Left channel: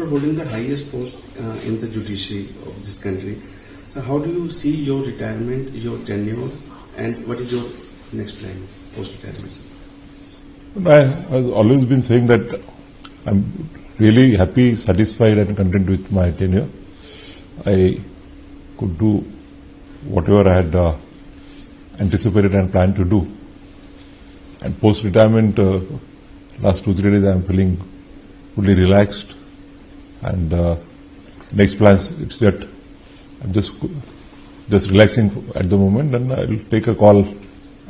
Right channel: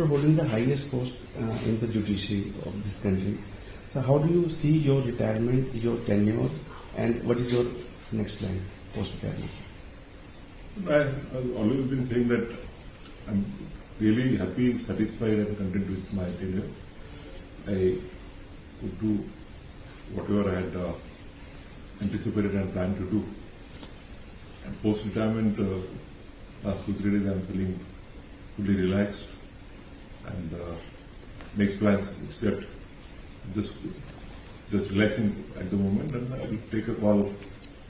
after holding the highest post in the judiciary of this country, so how do you see your retirement, your tenure, and what is your next plan post-retirement? I've always been saying that I'm really happy, satisfied and content with my tenure. I could do whatever I had anticipated and planned to do. And post-retirement, last 2-3 days I'm feeling fully relaxed. And next plans, it's that I'm just relaxing at the moment, and I'll take a call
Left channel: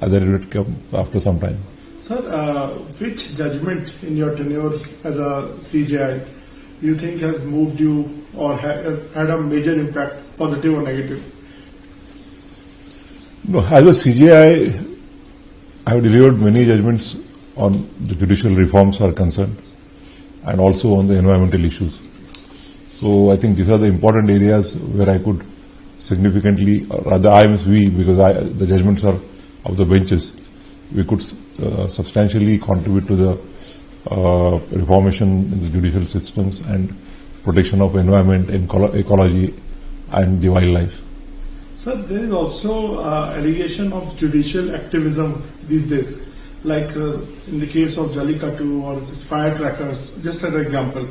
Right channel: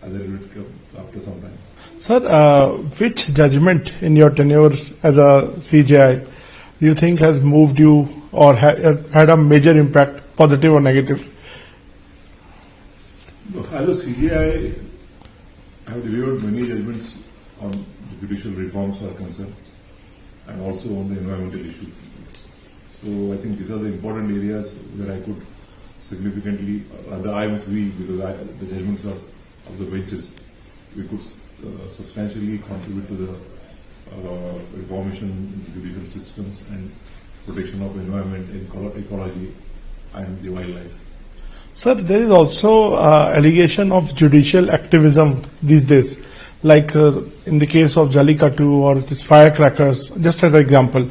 as I would come after some time. Sir, which judgment in your tenure as a CJI do you think has moved you or had a major impact, positive or negative? No, as a CJI, I have delivered many judgments on the judicial reforms are concerned and also on the environmental issues. So I think these are the important areas where I could significantly, rather I must we, because the judgments are of the benches, we could substantially contribute to the reformation in the judicial systems and protection of environment, ecology and the wildlife. Sir, there is also allegation of judicial activism these days, like in the case of Jallikattu or this firecrackers, just as an example.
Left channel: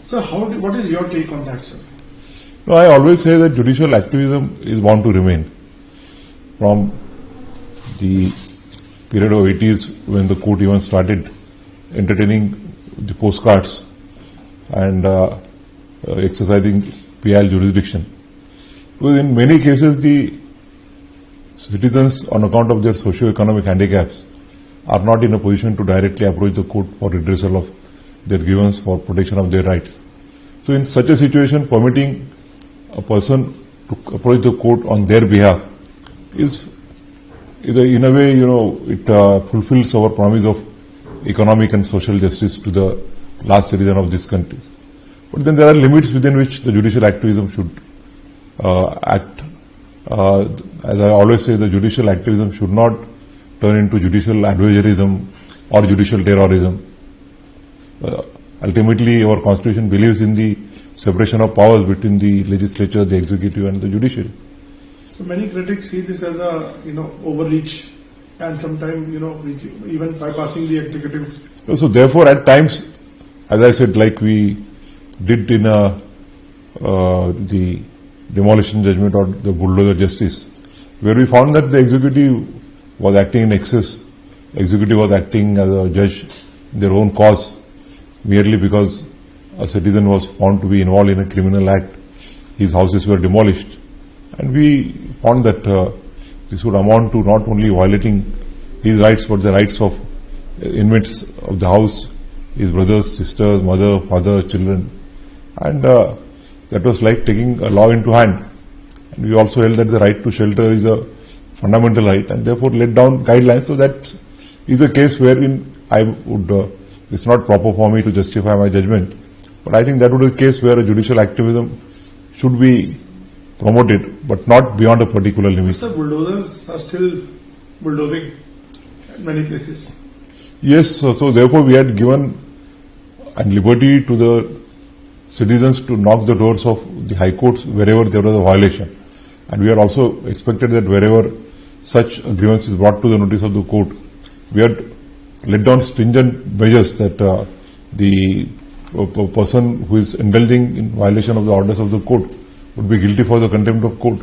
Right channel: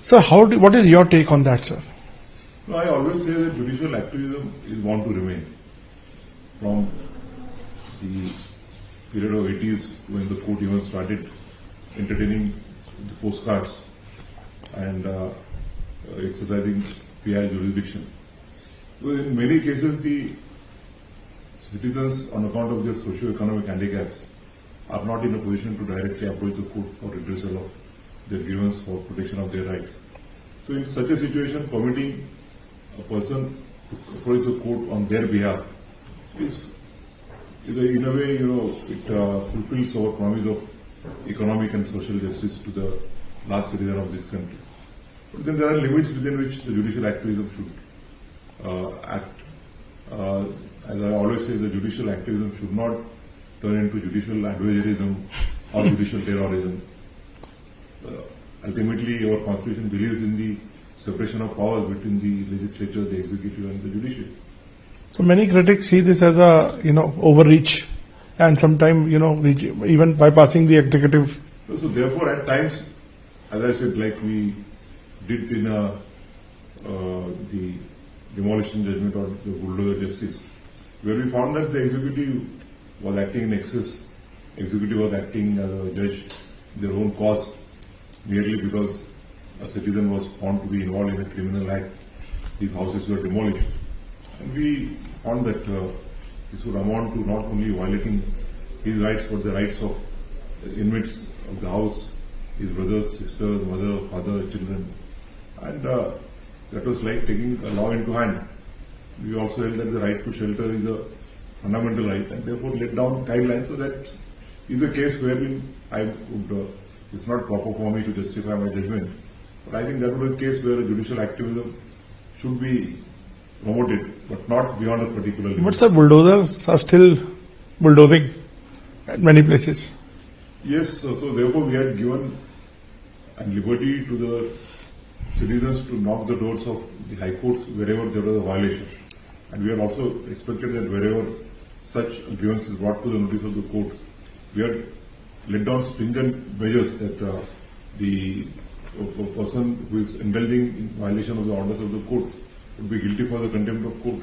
Sir, what is your take on that, sir? No, I always say that judicial activism is bound to remain. From the period of 80s when the court even started entertaining the postcards and exercising PIL jurisdiction. Because in many cases the citizens, on account of their socio-economic handicaps, are not in a position to directly approach the court for redressal of their grievance for protection of their rights. So in such a situation, permitting a person to approach the court on their behalf is in a way, it fulfills our promise of economic and social justice to the last citizen of this country. But then there are limits within which the judicial activism should act. As I always say, the judicial activism should not turn into judicial adventurism or judicial terrorism. Ultimately, our constitution believes in the separation of powers between the legislature, the executive and the judiciary. So many critics see this as a overreach and sometimes even bypassing the executive. So therefore, at times, as I said, like we did in the demolition judgment or the bulldozer justice, where we found that the executive was acting in excess, executive was acting as a judge in their own cause, merely because a citizen was found to be involved in a criminal act. His houses were demolished. And we found that this would amount to not only violating his rights, but the rights of inmates of the house, his brothers, sisters, mother, father, children. And that was like taking a law into hand. And we also held that the right to shelter is a fundamental right, and therefore laid down guidelines. So that is a case wherein I would, it's not proper for me to justify my judgment, but I think that would be a case where a judicial activism should be promoted, but not beyond a particular limit. But sir, bulldozers are still bulldozing at many places. Yes, so therefore we had given liberty to the citizens to knock the doors of the high courts wherever there was a violation. And we had also expected that wherever such a grievance is brought to the notice of the court, we had laid down stringent measures that the person who is indulging in violation of the orders of the court would be guilty for the contempt of court.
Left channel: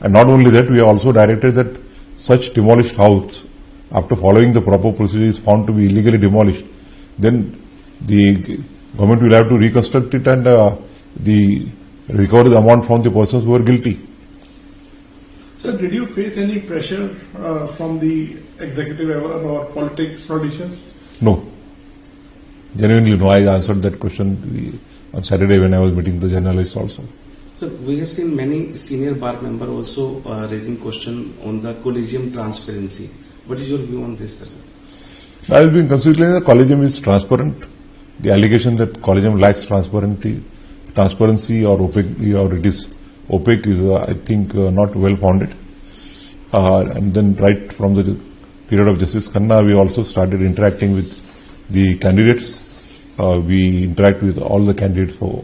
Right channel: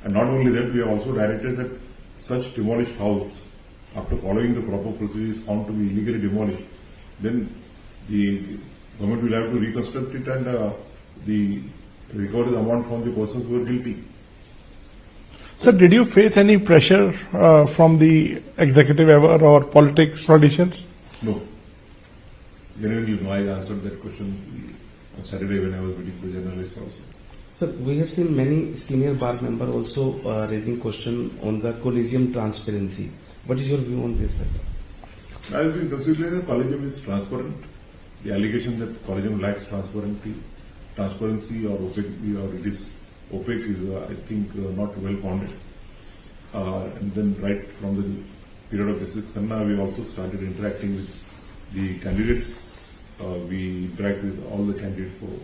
And not only that, we have also directed that such demolished house, after following the proper procedure, is found to be illegally demolished, then the government will have to reconstruct it and recover the amount from the persons who are guilty. Sir, did you face any pressure from the executive ever or politicians? No. Genuinely no. I answered that question on Saturday when I was meeting the journalists also. Sir, we have seen many senior bar members also raising question on the collegium transparency. What is your view on this, sir? I have been considering the collegium is transparent. The allegation that collegium lacks transparency or opaque, or it is opaque is, I think, not well founded. And then right from the period of Justice Khanna, we also started interacting with the candidates. we interact with all the candidates for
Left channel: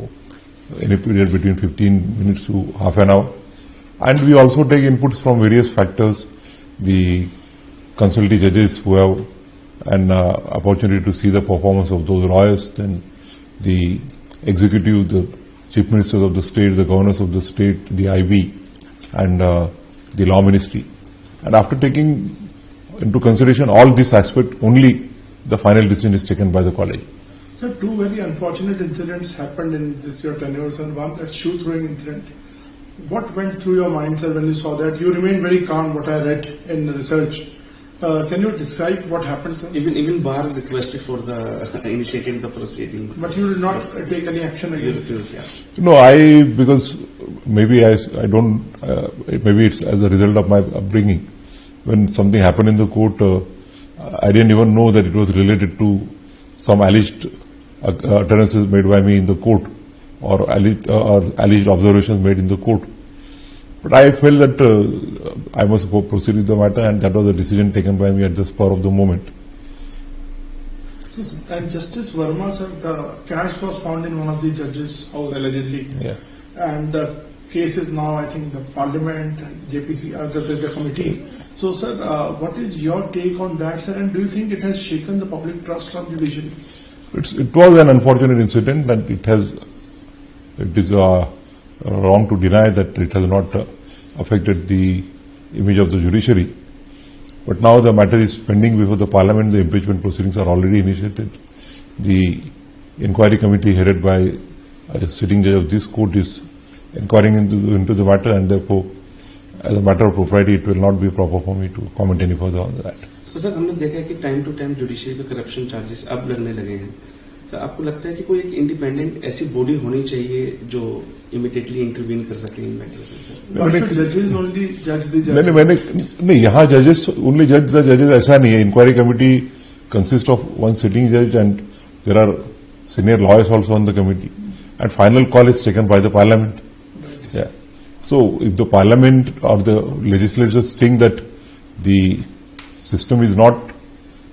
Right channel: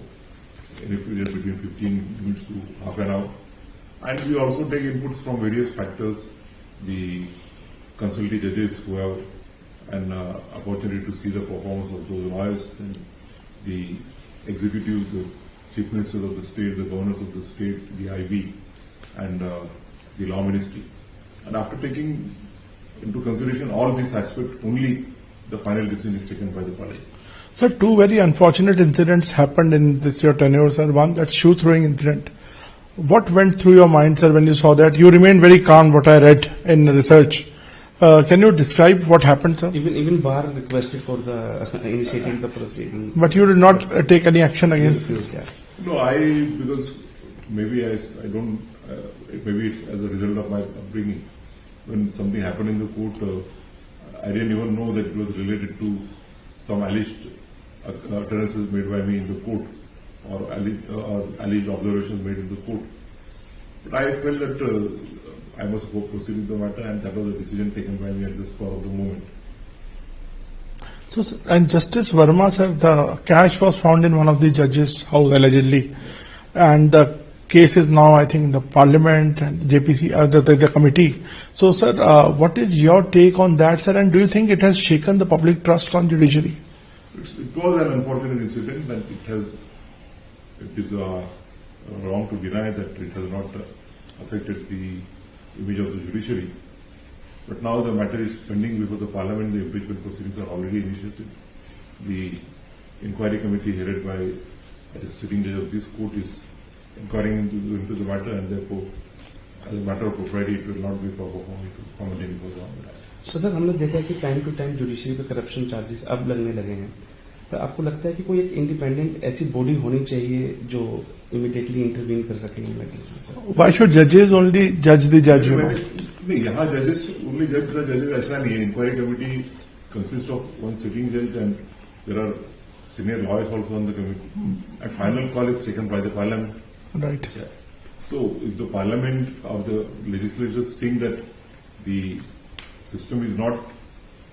any period between 15 minutes to half an hour. And we also take inputs from various factors, the consulting judges who have an opportunity to see the performance of those lawyers, then the executive, the chief ministers of the state, the governors of the state, the IB, and the law ministry. And after taking into consideration all these aspects, only the final decision is taken by the college. So two very unfortunate incidents happened in this your tenure, sir. One, that shoe throwing incident. What went through your mind, sir, when you saw that? You remained very calm, what I read in research. Can you describe what happened, sir? Even bar requested for the initiating the proceeding. But you did not take any action against Yes, this. yeah. No, because maybe I don't, maybe it's as a result of my upbringing. When something happened in the court, I didn't even know that it was related to some alleged utterances made by me in the court or alleged observations made in the court. But I felt that I must proceed with the matter, and that was a decision taken by me at the spur of the moment. So, and Justice Verma, sir, the cash was found in one of the judges' house allegedly. Yeah. And the case is now, I think, in the parliament and JPC, the committee. So, sir, what is your take on that, sir? And do you think it has shaken the public trust on judiciary? It was an unfortunate incident, and it is wrong to deny that it has not affected the image of the judiciary. But now the matter is pending before the parliament. The impeachment proceedings are already initiated. The inquiry committee headed by a sitting judge of this court is inquiring into the matter, and therefore, as a matter of propriety, it will not be proper for me to comment any further on that. So, sir हमने देखा है कि time to time judiciary पे corruption charges अब लगने लगे हैं. तो आपको लगता है कि कोई एक इंडिपेंडेंट ऐसी बॉडी होनी चाहिए जो इमीडिएटली इंटरवीन कर सके इन मैटर्स में? Why should judges only judge the judge? नहीं, यहाँ जजेस ओनली जज द जजेस ऐसा नहीं है. Inquiry committee consist of one sitting जज and there are senior lawyers also on the committee, and final call is taken by the parliament. Right. Yeah. So if the parliament or the legislators think that the system is not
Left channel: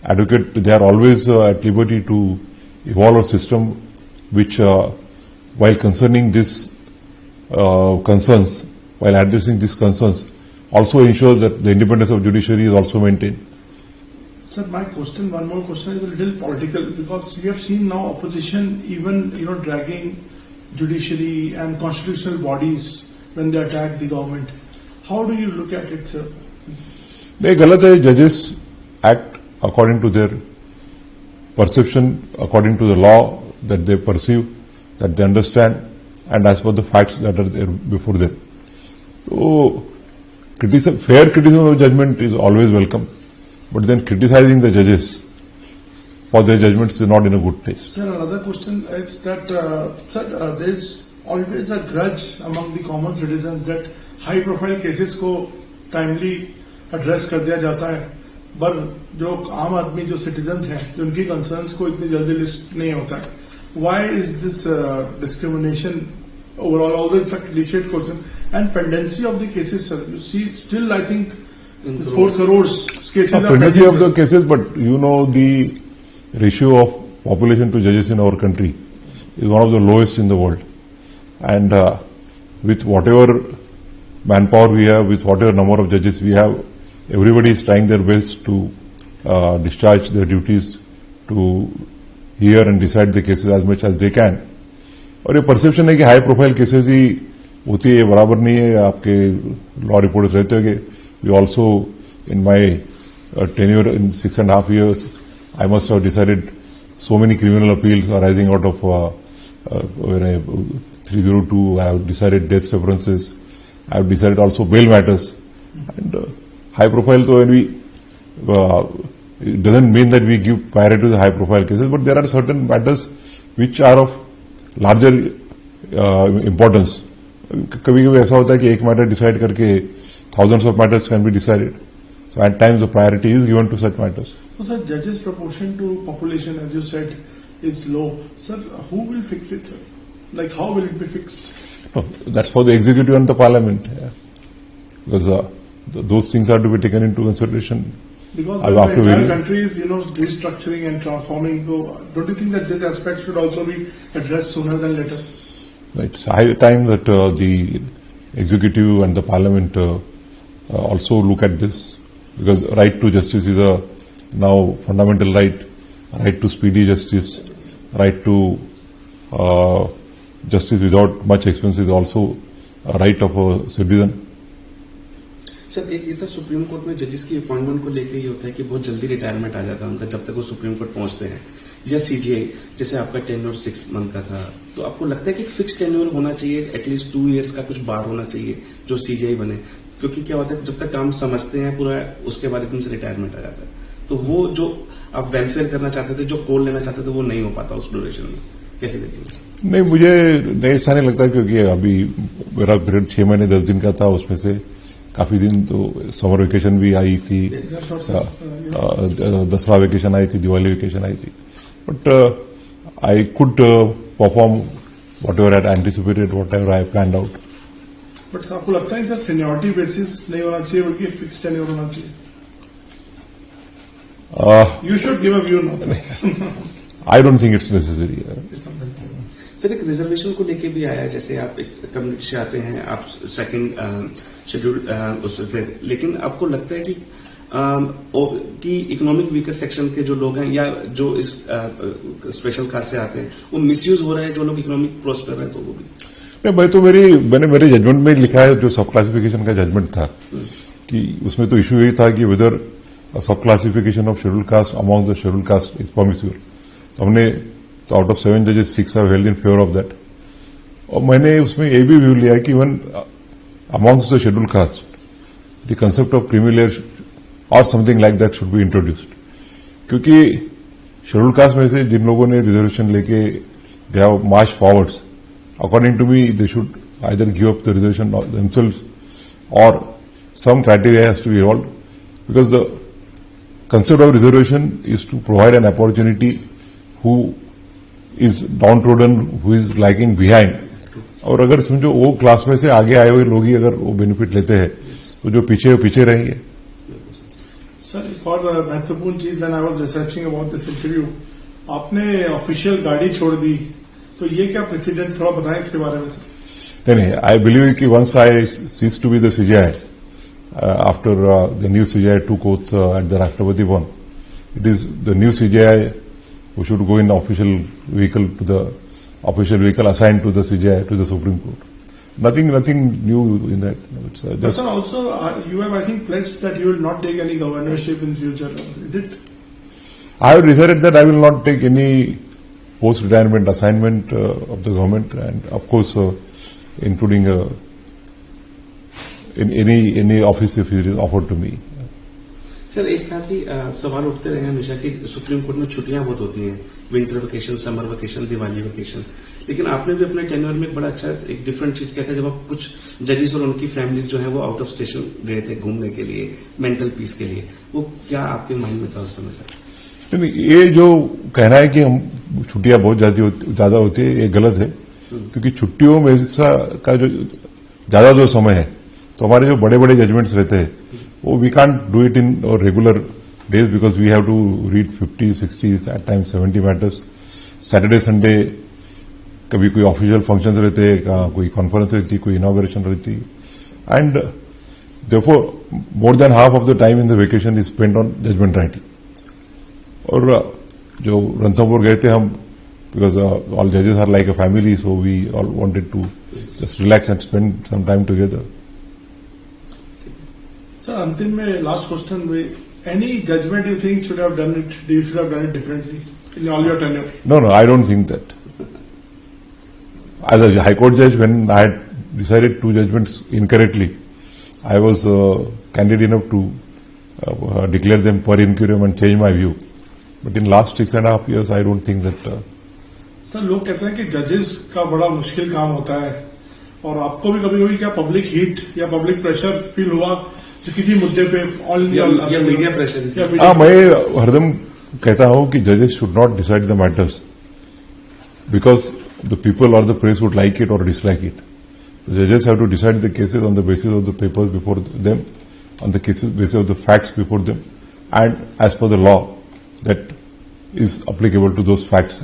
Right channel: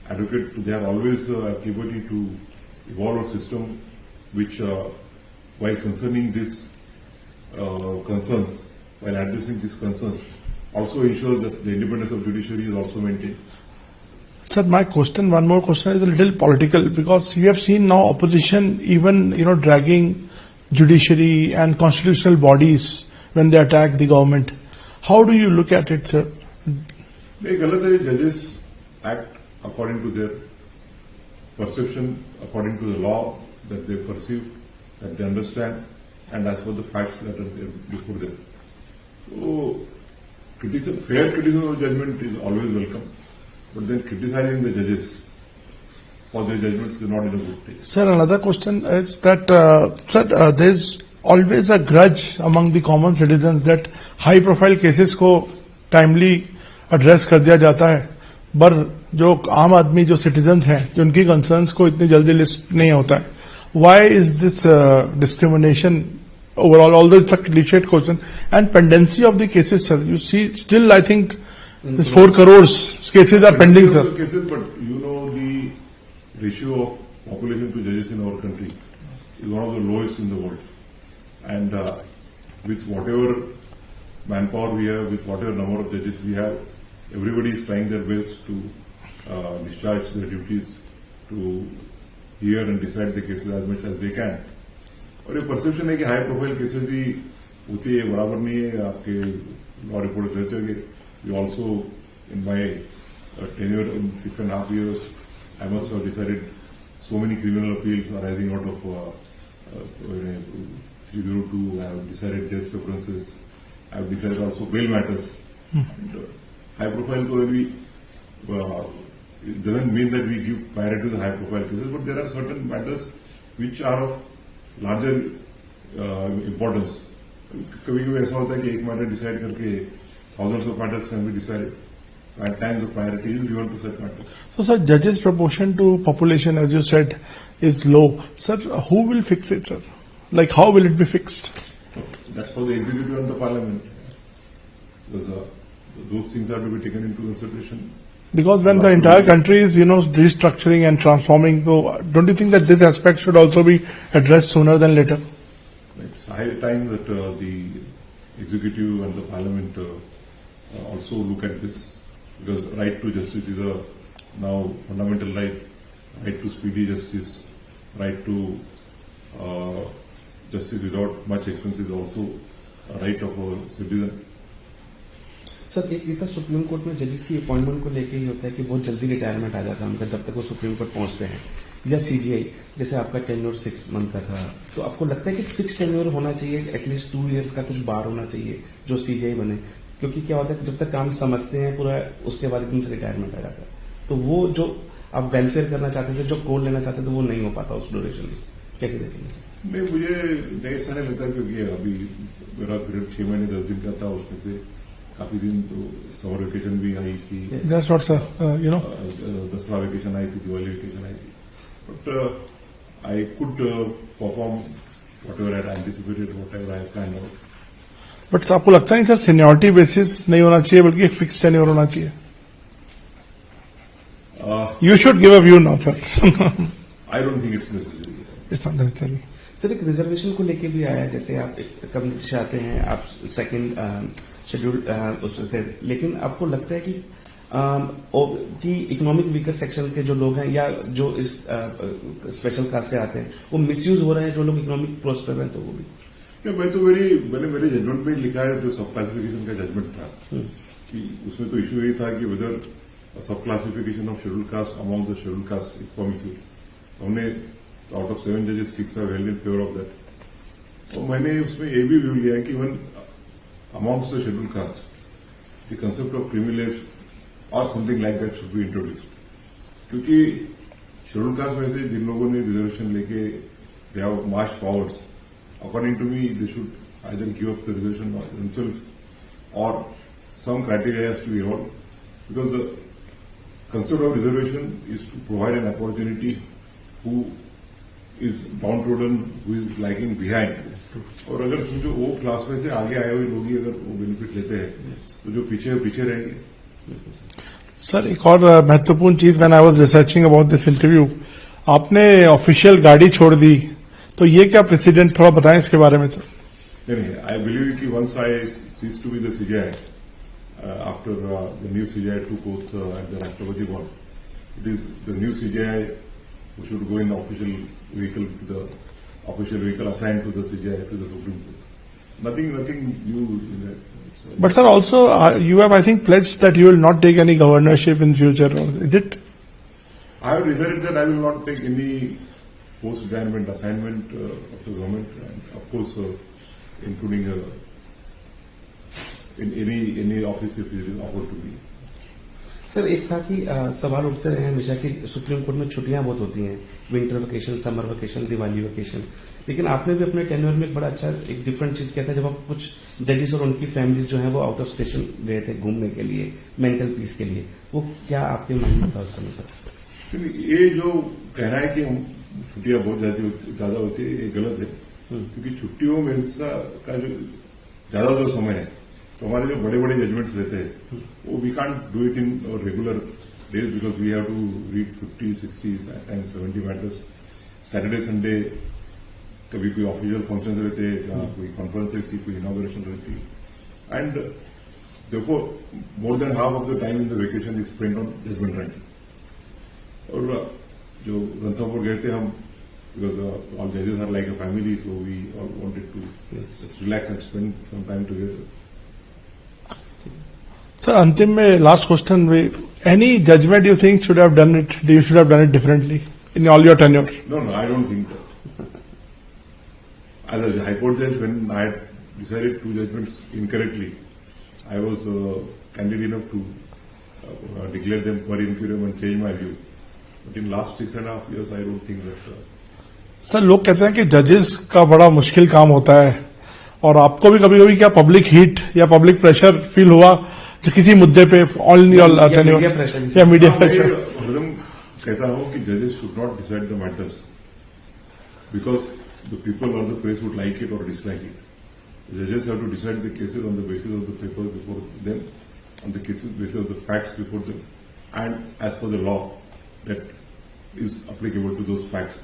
adequate, they are always at liberty to evolve a system which, while concerning this concerns, while addressing these concerns, also ensures that the independence of judiciary is also maintained. Sir, my question, one more question, is a little political, because you have seen now opposition even, dragging judiciary and constitutional bodies when they attack the government. How do you look at it, sir? नहीं, गलत है. Judges act according to their perception, according to the law that they perceive, that they understand, and as per the facts that are there before them. So, fair criticism of judgment is always welcome, but then criticizing the judges for their judgments is not in a good taste. Sir, another question is that, there's always a grudge among the common citizens that high profile cases को timely address कर दिया जाता है, पर जो आम आदमी जो citizens हैं, जो उनकी concerns को इतनी जल्दी list नहीं होता है. Why is this discrimination overall, although it's a cliched question, and pendency of the cases, sir? You see, still I think 4 crores cases are pending, Of sir. the cases, but the ratio of population to judges in our country is one of the lowest in the world. And with whatever manpower we have, with whatever number of judges we have, everybody is trying their best to discharge their duties, to hear and decide the cases as much as they can. और ये perception है कि high profile cases ही होती है, बराबर नहीं है. आपके लॉ रिपोर्टर्स रहते हैं. We also in my tenure in 6.5 years, I must have decided so many criminal appeals arising out of 302. I have decided death references. I have decided also bail matters. And high profile, though, it doesn't mean that we give priority to the high profile cases, but there are certain matters which are of larger importance. कभी-कभी ऐसा होता है कि एक matter decide करके thousands of matters can be decided. So at times the priority is given to such matters. So, sir, judges' proportion to population, as you said, is low. Sir, who will fix it, sir? Like, how will it be fixed? No, that's for the executive and the parliament. Yeah. Because those things are to be taken into consideration Because when the After entire very- country is, restructuring and transforming, so don't you think that this aspect should also be addressed sooner than later? It's high time that the executive and the parliament also look at this, because right to justice is a now fundamental right to speedy justice, right to justice without much expense is also a right of a citizen. Sir एक ये था supreme court में जजेस की appointment को लेके ही होता है कि बहुत जल्दी रिटायरमेंट आ जाता है उनका जब तक वो सुप्रीम कोर्ट पहुंचते हैं, या सीजीआई जैसे आपका टेन्योर 6 मंथ का था, तो आपको लगता है कि फिक्स टेन्योर होना चाहिए, एटलीस्ट 2 इयर्स का कुछ बार होना चाहिए जो सीजीआई बने, क्योंकि क्या होता है जब तक काम समझते हैं पूरा उसके बाद एकदम से रिटायरमेंट आ जाता है, तो वो जो आप वेलफेयर करना चाहते थे, जो गोल लेना चाहते थे, वो नहीं हो पाता उस ड्यूरेशन में, कैसे देखेंगे? नहीं, मुझे नहीं ऐसा नहीं लगता, क्योंकि अभी मेरा पीरियड 6 महीने 10 दिन का था, उसमें से काफी दिन तो समर वेकेशन भी आई थी, That's what, sir, Dasara vacation आई थी, दिवाली वेकेशन आई थी, but I could perform whatever I anticipated, whatever I plan out. बट आपको लगता नहीं सर सीनियरिटी बेसिस नहीं होना चाहिए बल्कि फिक्स टेन्योर होना चाहिए? You should give a view now, sir. I don't think it's necessary. It's not necessary. Sir एक रिजर्वेशन को लेके भी आया, जैसे आप एक कम्युनिटी से आते हैं, आप सेकंड शेड्यूल उससे, लेकिन आपको लगता है कि इकोनॉमिक वीकर सेक्शन के जो लोग हैं या जो इस स्पेशल कास्ट से आते हैं वो मिसयूज हो रहे हैं, जो लोग इकोनॉमिक प्रोस्पर है तो वो भी? नहीं भाई, तो मैंने मेरे जजमेंट में लिखा है, जो सब क्लासिफिकेशन का जजमेंट था, कि उसमें तो इश्यू यही था कि whether sub classification of scheduled caste among the scheduled caste is permissible. हमने तो आउट ऑफ 7 जजेस 6 have held in favour of that. और मैंने उसमें ये भी व्यू लिया कि even amongst the scheduled caste the concept of creamy layer और something like that should be introduced, क्योंकि शेड्यूल कास्ट में से जिन लोगों ने रिजर्वेशन लेके they have march forwards, according to me they should either give up the reservation themselves or some criteria has to be evolved, because the concept of reservation is to provide an opportunity who is downtrodden, who is lagging behind. और अगर समझो वो class में से आगे आए हुए लोग ही अगर वो बेनिफिट लेते हैं तो जो पीछे रहेंगे. सर एक और महत्वपूर्ण चीज, when I was researching about this interview, आपने ऑफिशियल गाड़ी छोड़ दी, तो ये क्या प्रेसिडेंट, थोड़ा बताएं इसके बारे में सर. नहीं, आई बिलीव कि once I cease to be the CGI after the new CGI took oath at the Rashtrapati Bhavan, it is the new CGI who should go in official vehicle assigned to the CJI, to the Supreme Court. Nothing new in that. It's, But sir, also you have, I think, pledged that you will not take any governorship in future. Is it? I have decided that I will not take any post-retirement assignment of the government, and of course, including in any office if it is offered to me. Sir एक था कि सवाल उठते रहे हमेशा कि supreme court में छुट्टियां बहुत होती हैं, winter vacation, summer vacation, Diwali vacation, लेकिन आपने भी अपने टेन्योर में एक बड़ा अच्छा एक डिफरेंट चीज किया था, जब आप कुछ जजेस और उनकी फैमिलीज जो है वो आउट ऑफ स्टेशन गए थे घूमने के लिए, मेंटल पीस के लिए. वो क्या आपके माइंड में था उस समय सर? ये जो कहना है कि हम छुट्टियां बहुत ज्यादा होती है, ये गलत है, क्योंकि छुट्टियों में का जो ज्यादा जो समय है, तो हमारे जो बड़े बड़े जजमेंट्स रहते हैं वो we can't do it in regular days, because we have to read 50, 60, at times 70 matters. Saturday Sunday कभी कोई ऑफिशियल फंक्शन रहते, कोई कॉन्फ्रेंस रहती, कोई इनॉग्रेशन रहती, and therefore more than half of the time in the vacation is spent on judgment writing. और जो रणथंभौर गए थे हम, बिकॉज ऑल जजेस are like a family, so we all wanted to just relax and spend some time together. Sir अंतिम में last question में, any judgment you think should have done it, you should have done it differently in all your tenure? No, I don't think that. As a High Court judge, when I had decided 2 judgments incorrectly, I was candid enough to declare them per incuriam and change my view. But in last 6.5 years, I don't think that. Sir लोग कहते हैं कि जजेस का बड़ा मुश्किल काम होता है, और आपको भी कभी कभी क्या पब्लिक हीट या पब्लिक प्रेशर फील हुआ किसी मुद्दे पे, ऑल मीडिया प्रेशर? या मीडिया मैं हरदम कहता हूं कि जजेस should not decide the matters because the people और the press would like it और डिसलाइक इट. द जजेस have to decide the cases on the basis of the papers before them, on the cases, basis of the facts before them, and as per the law that is applicable to those facts